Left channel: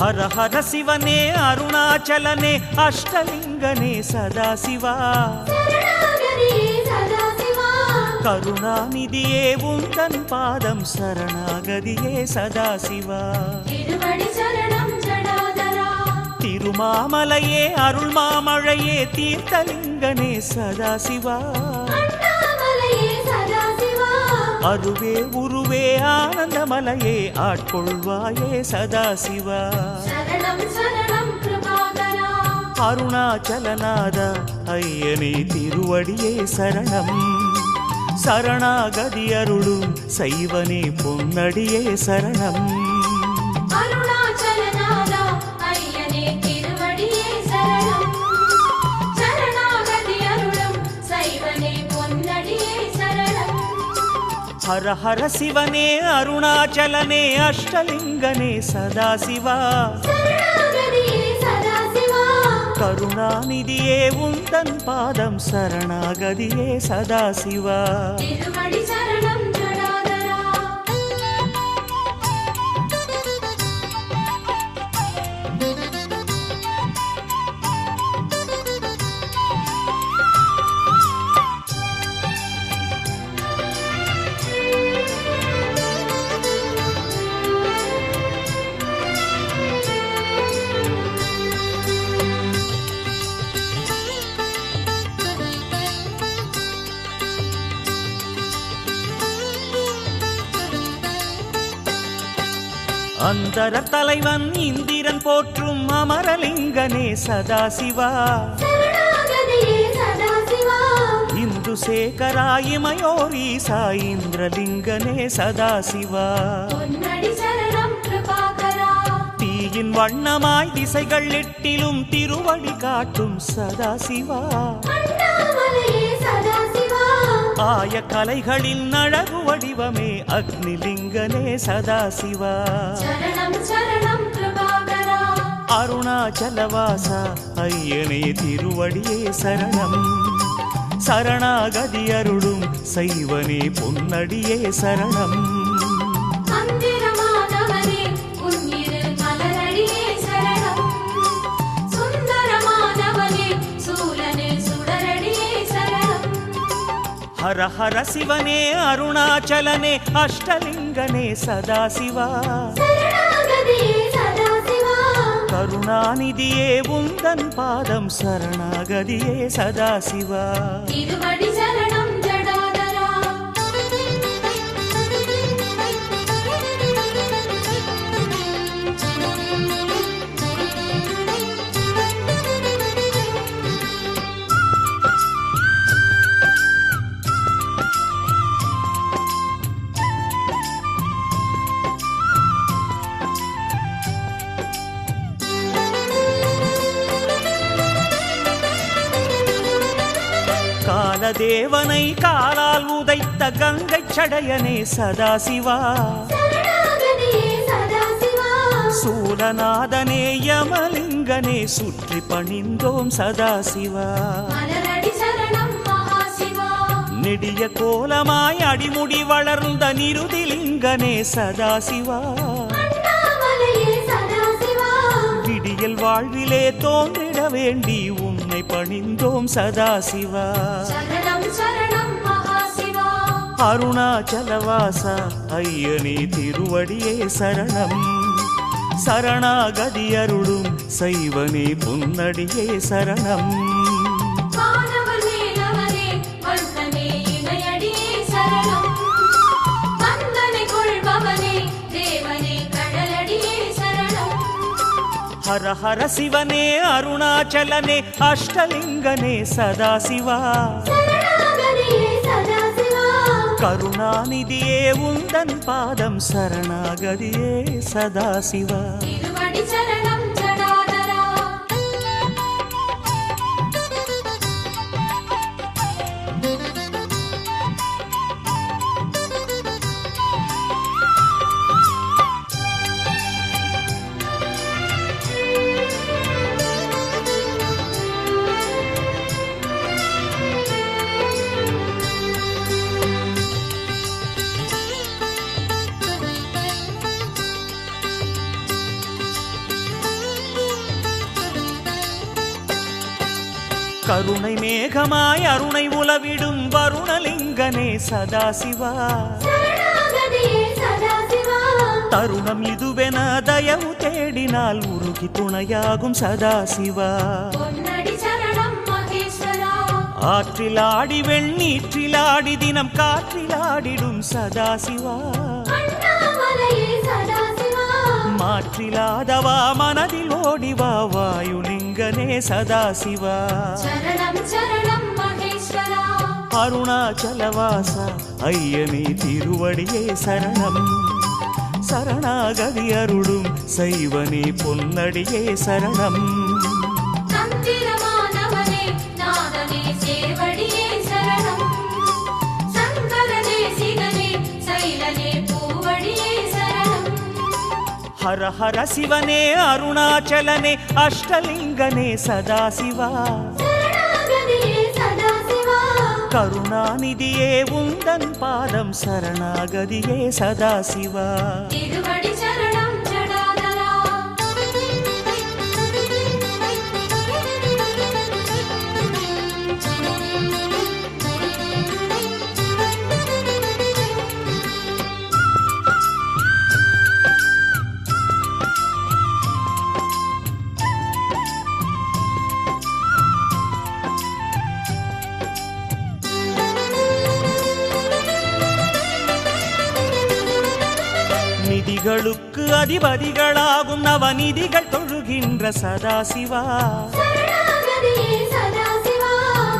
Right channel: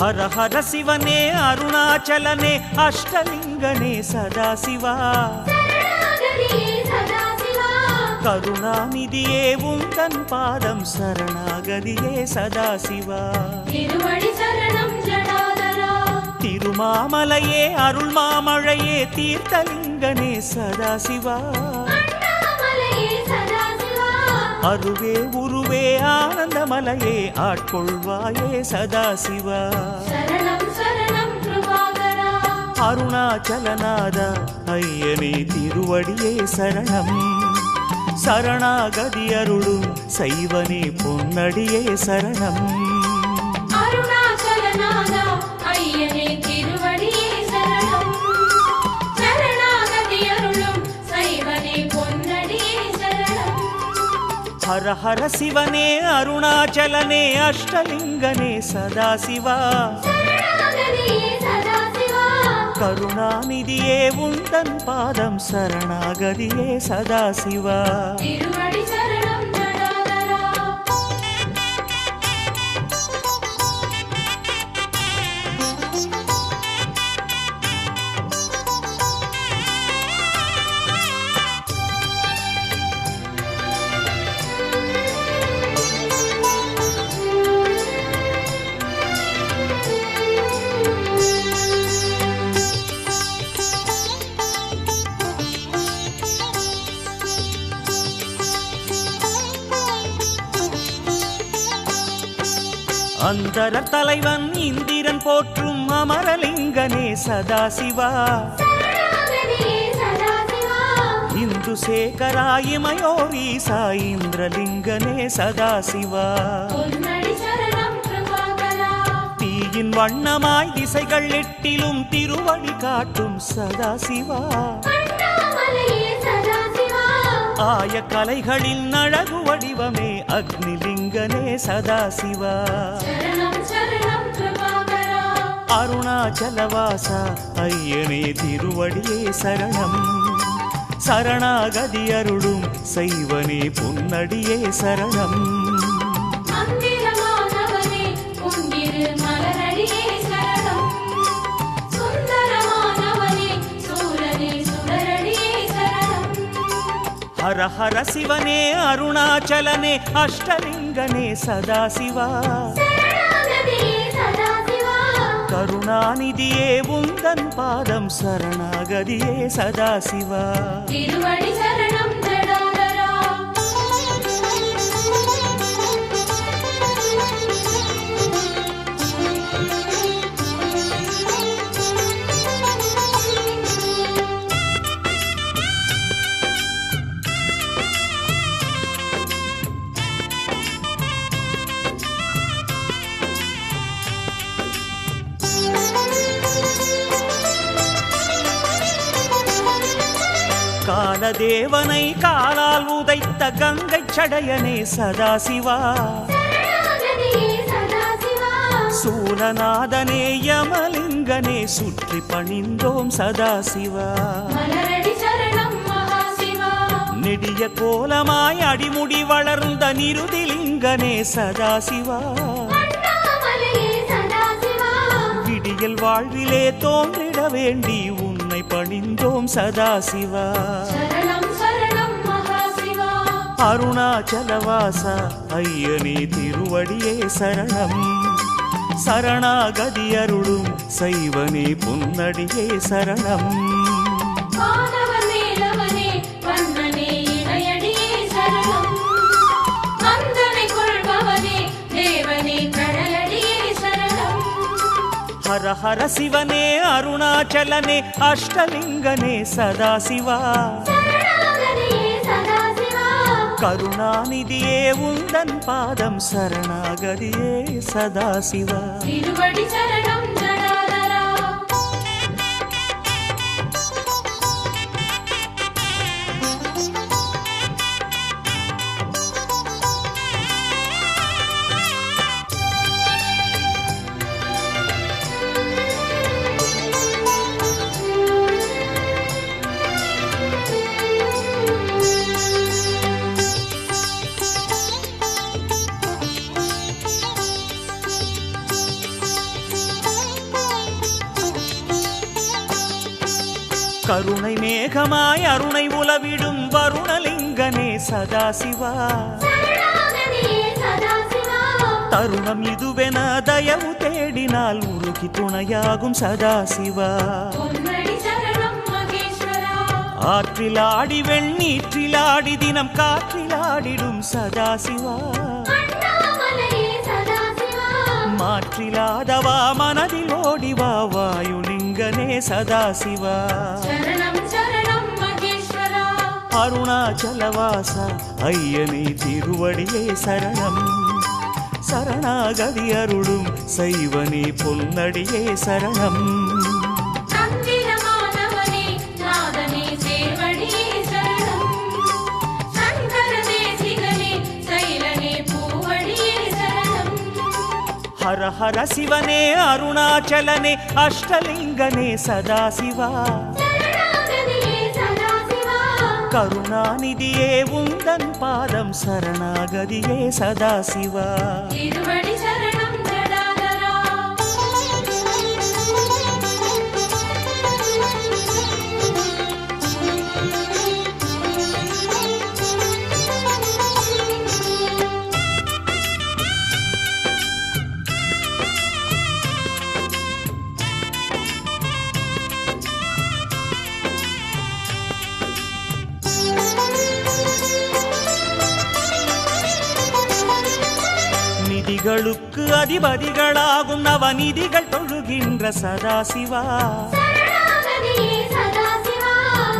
ಹರ ಹರ ಶಿವನೇ ಅರುಣಾಚಲನೆ ಅಷ್ಟಲಿಂಗನೇ ಸದಾಶಿವ கருணாநிதியே உந்தன் பாதம் சரணாகதியே சதாசிவா திருமாமலையே அருள் மாமழையே தீர்த்தலிங்கனே சதாசிவா அருவே உருவே ஆனந்தமலையே ஆட்கொள்வாயே சதாசிவா அருணாச்சலநாத ஐயனே திருவடியே சரணம் சரணாகதி அருளும் சைவனே பொன்னடியே சரணம் ஹர ஹர சிவனே அருணாச்சலனே அஷ்டலிங்கனே சதாசிவா கருணாநிதியே உந்தன் பாதம் சரணாகதியே சதாசிவா அந்தர தலைவன் இந்திரன் போற்றும் அமரலிங்கனே சதாசிவா இந்து சேகராயிமயோரீசா இந்திரலிங்கனே சதாசிவா தீயின் வண்ணமாய் திசைகள் எட்டிலும் திருவடி காட்டும் சதாசிவா ஆய கலைகளின் அழகு வடிவமே அக்னிலிங்கனே சதாசிவா அருணாச்சலவாசா ஐயனே திருவடியே சரணம் சரணாகதி அருளும் சைவனே பொன்னடியே சரணம் ஹர ஹர சிவனே அருணாச்சலனே அஷ்டலிங்கனே சதாசிவா கருணாநிதியே உந்தன் பாதம் சரணாகதியே சதாசிவா காலதேவனை காலால் உதைத்த கங்கை சடையனே சதாசிவா சூலநாதனே யமலிங்கனே சுற்றி பணிந்தோம் சதாசிவா நெடிய கோலமாய் அடிமுடி வளர்ந்த நிருதிலிங்கனே சதாசிவா விடியல் வாழ்விலே தோன்றிட வேண்டி உன்னை பணிந்தோம் சதாசிவா அருணாச்சலவாசா ஐயனே திருவடியே சரணம் சரணாகதி அருளும் சைவனே பொன்னடியே சரணம் ஹர ஹர சிவனே அருணாச்சலனே அஷ்டலிங்கனே சதாசிவா கருணாநிதியே உந்தன் பாதம் சரணாகதியே சதாசிவா கருணை மேகமாய் அருணை உலவிடும் வருணலிங்கனே சதாசிவா. தருணம் இதுவென தயவு தேடினால் உருகி துணையாகும் சதாசிவா. ஆற்றிலாடி வெண்ணீற்றிலாடி தினம் காற்றிலாடிடும் சதாசிவா. மாற்றிலாதவா மனதில் ஓடிவா வாயுலிங்கனே சதாசிவா. அருணாச்சலவாசா ஐயனே திருவடியே சரணம். சரணாகதி அருளும் சைவனே பொன்னடியே சரணம். ஹர ஹர சிவனே அருணாச்சலனே அஷ்டலிங்கனே சதாசிவா. கருணாநிதியே உந்தன் பாதம் சரணாகதியே சதாசிவா. நிதிகளுக்கு அதிபதிகளாகும் நவநிதிகள் தொழுகின்ற சதாசிவா.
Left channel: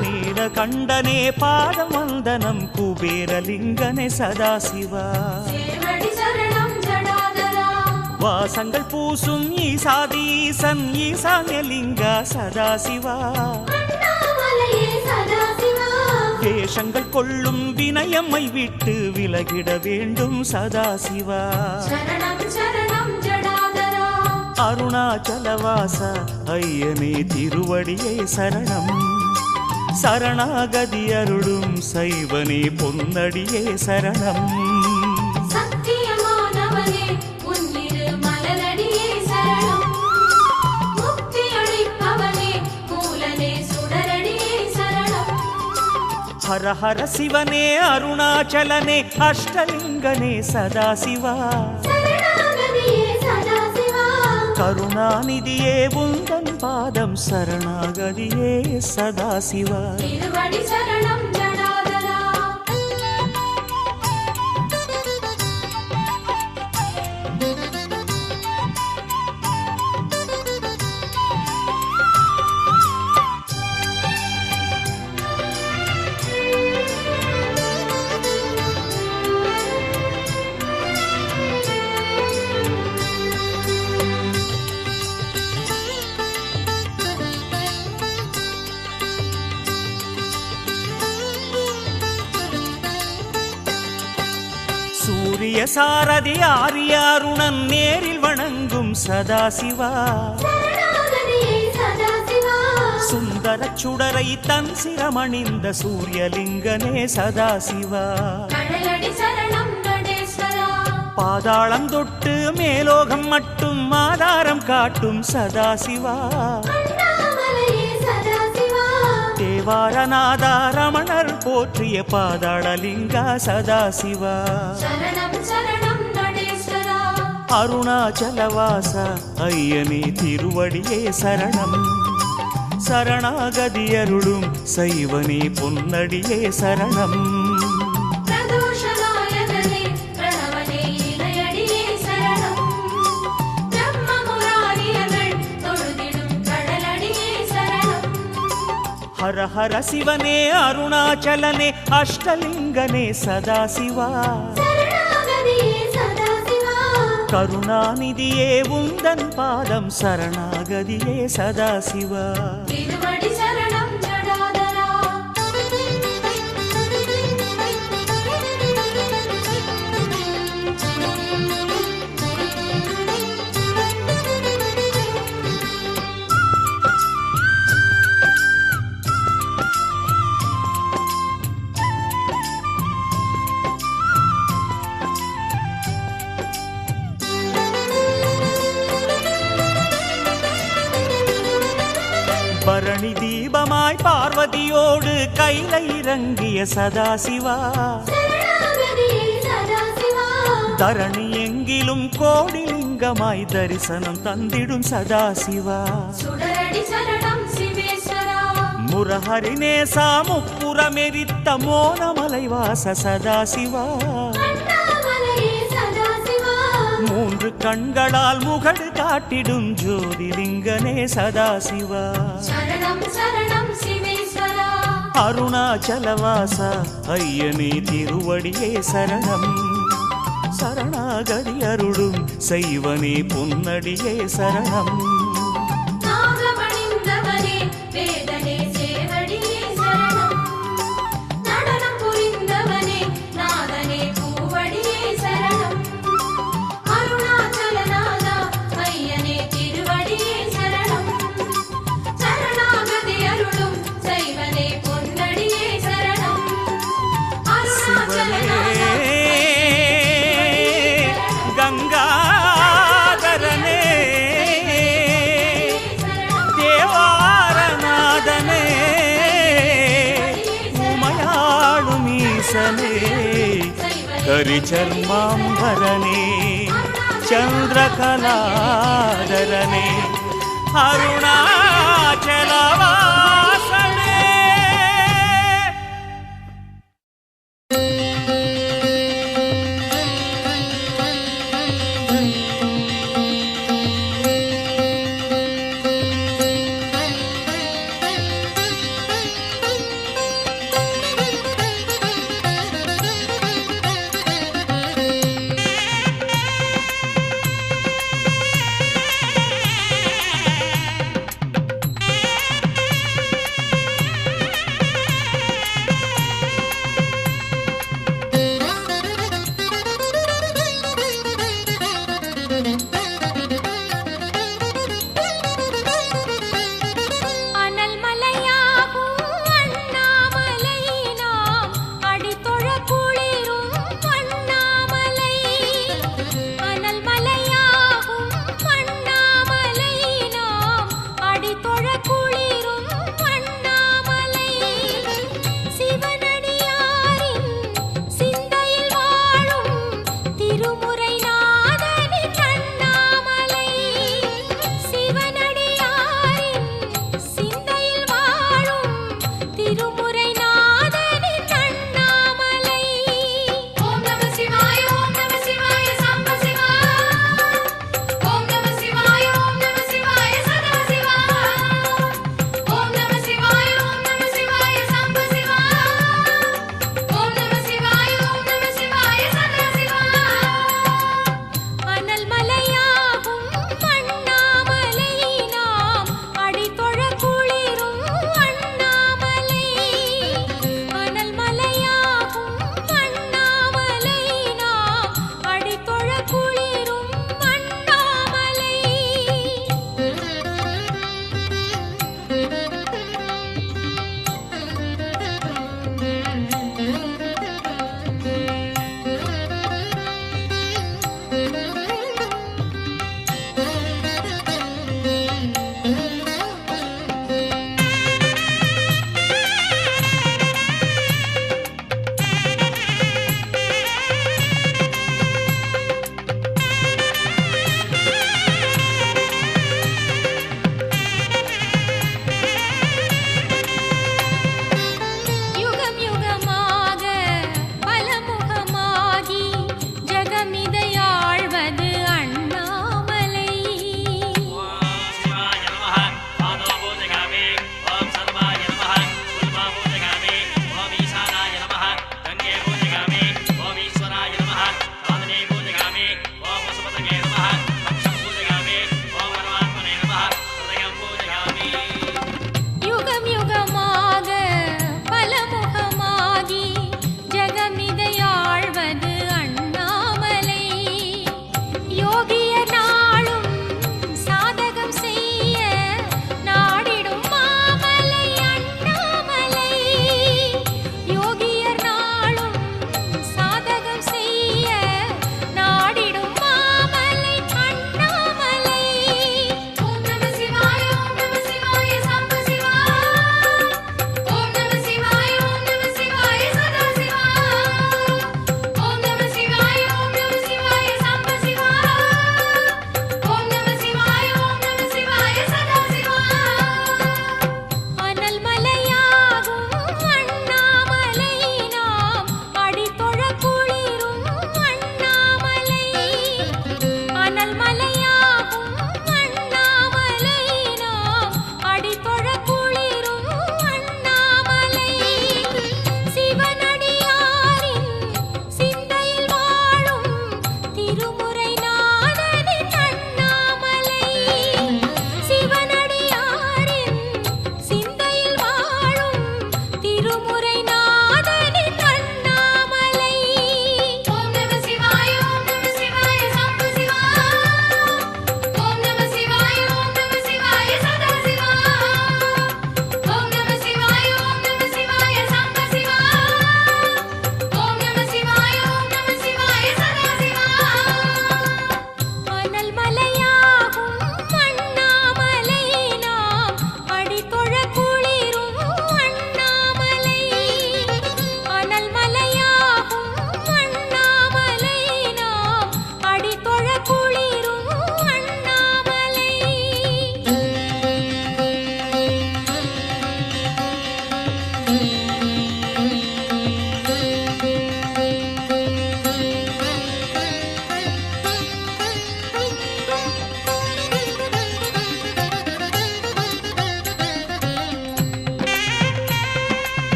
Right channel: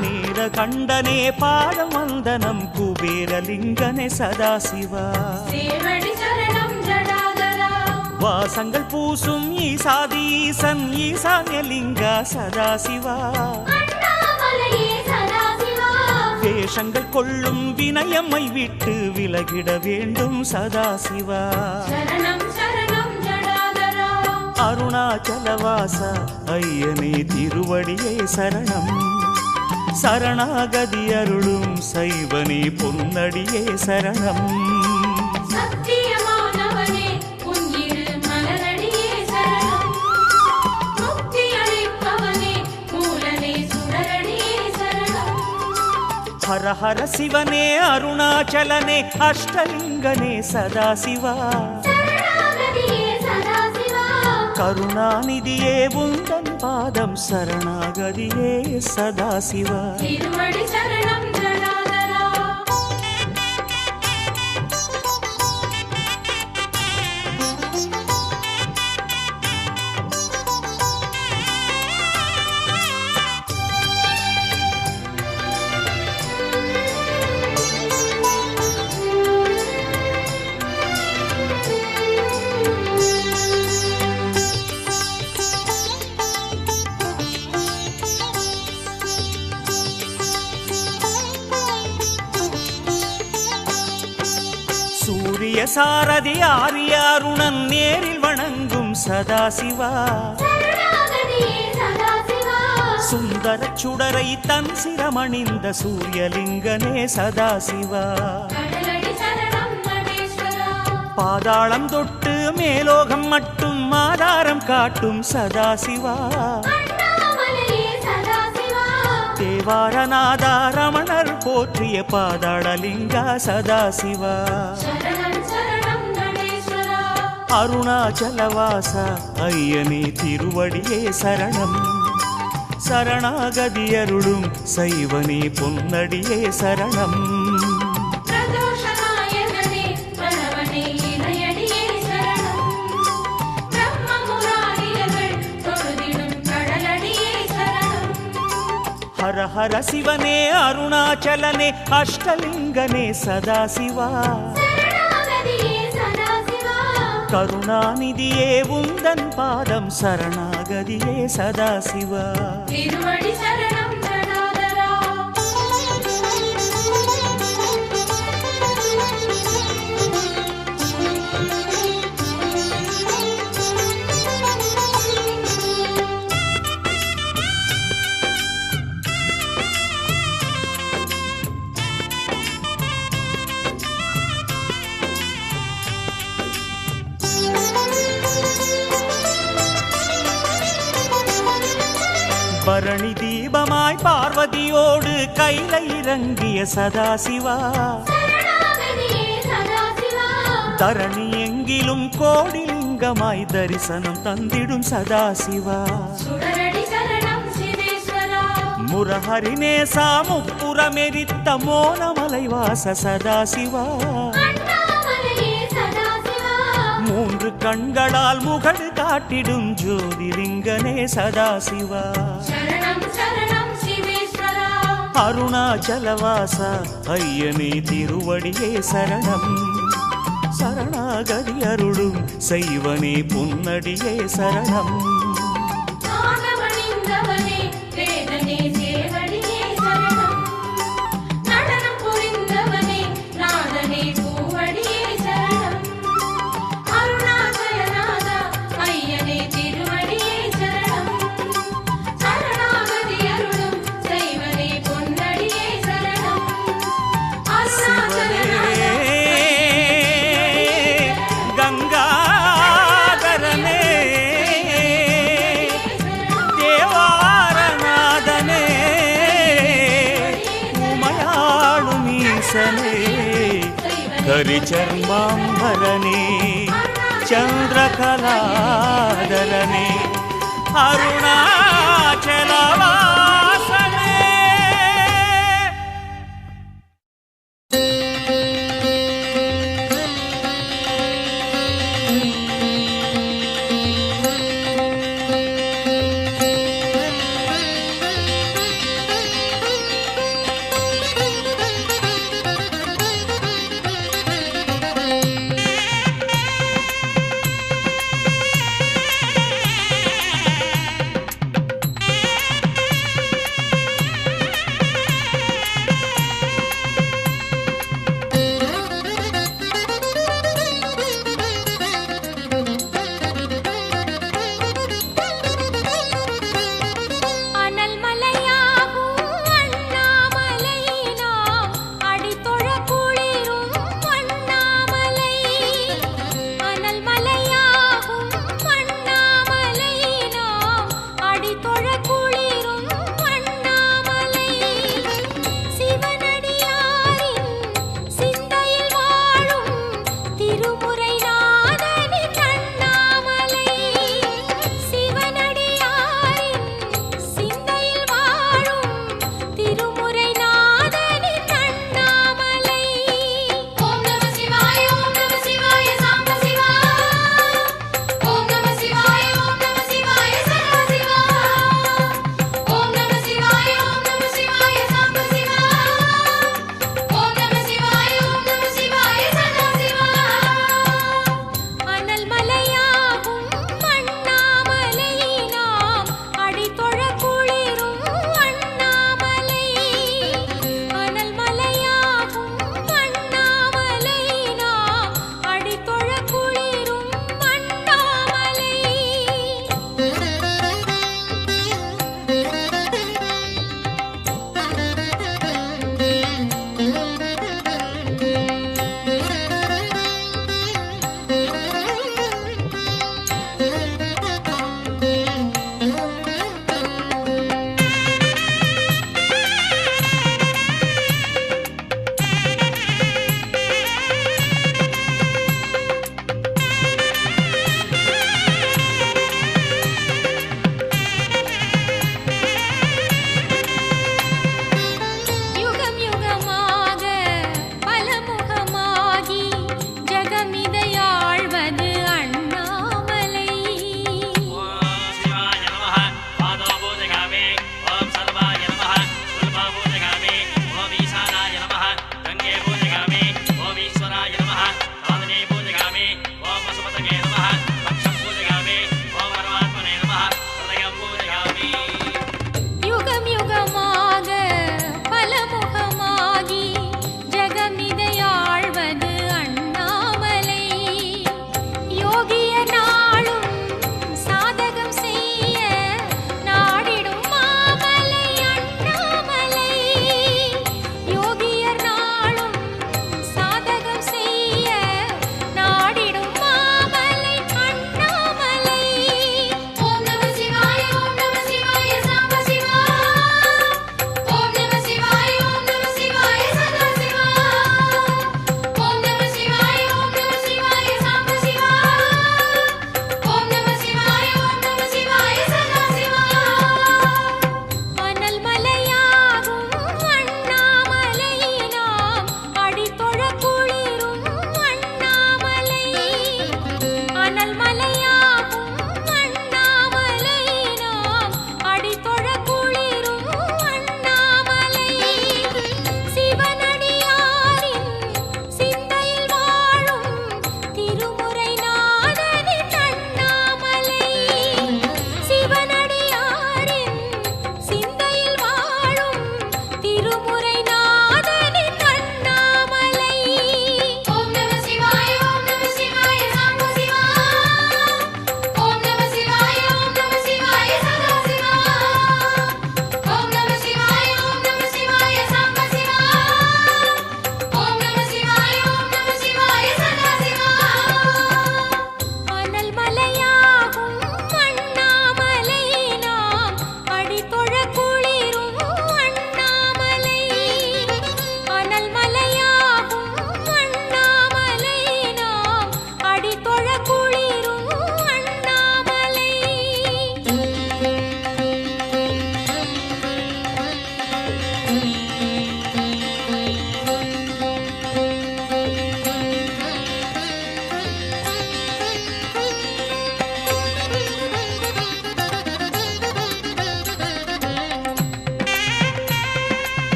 நீலகண்டனே பாதம் வந்தனம் குபேரலிங்கனே சதாசிவா. வாசங்கள் பூசும் ஈசாதீசன் ஈசான்யலிங்க சதாசிவா. வேஷங்கள் கொள்ளும் வினயம்மை விட்டு விலகிட வேண்டும் சதாசிவா. அருணாச்சலவாசா ஐயனே திருவடியே சரணம். சரணாகதி அருளும் சைவனே பொன்னடியே சரணம். ஹர ஹர சிவனே அருணாச்சலனே அஷ்டலிங்கனே சதாசிவா. கருணாநிதியே உந்தன் பாதம் சரணாகதியே சதாசிவா. சூரிய சாரதி ஆரிய அருணன் நேரில் வணங்கும் சதாசிவா. சுந்தர சுடரை தன் சிரமணிந்த சூரியலிங்கனே சதாசிவா. பாதாளம் தொட்டு மேலோகம் மட்டும் ஆதாரம் காட்டும் சதாசிவா. தேவாரநாதா ரமணர் போற்றிய பாதாளலிங்கா சதாசிவா. அருணாச்சலவாசா ஐயனே திருவடியே சரணம். சரணாகதி அருளும் சைவனே பொன்னடியே சரணம். ஹர ஹர சிவனே அருணாச்சலனே அஷ்டலிங்கனே சதாசிவா. கருணாநிதியே உந்தன் பாதம் சரணாகதியே சதாசிவா. பரணி தீபமாய் பார்வதியோடு கையில இறங்கிய சதாசிவா, தரணி எங்கிலும் கோடிலிங்கமாய் தரிசனம் தந்திடும் சதாசிவா, முரஹரிநேசா முப்புறமெரித்த மோனமலைவாச சதாசிவா, மூன்று கண்களால் முகடு காட்டிடும் ஜோதிலிங்கனே சதாசிவா, அருணாச்சலவாச ஐயனே திருவடியே சரணம், சரணாகதி அருளும் செய்வனே பொன்னடியே சரணம், சிவனே கங்காதரனே தேவாரநாதனே உமையாளும் ஈசனே கரிச்சர்மாம்பரனே சந்திரகலாதரனே அருணாச்சல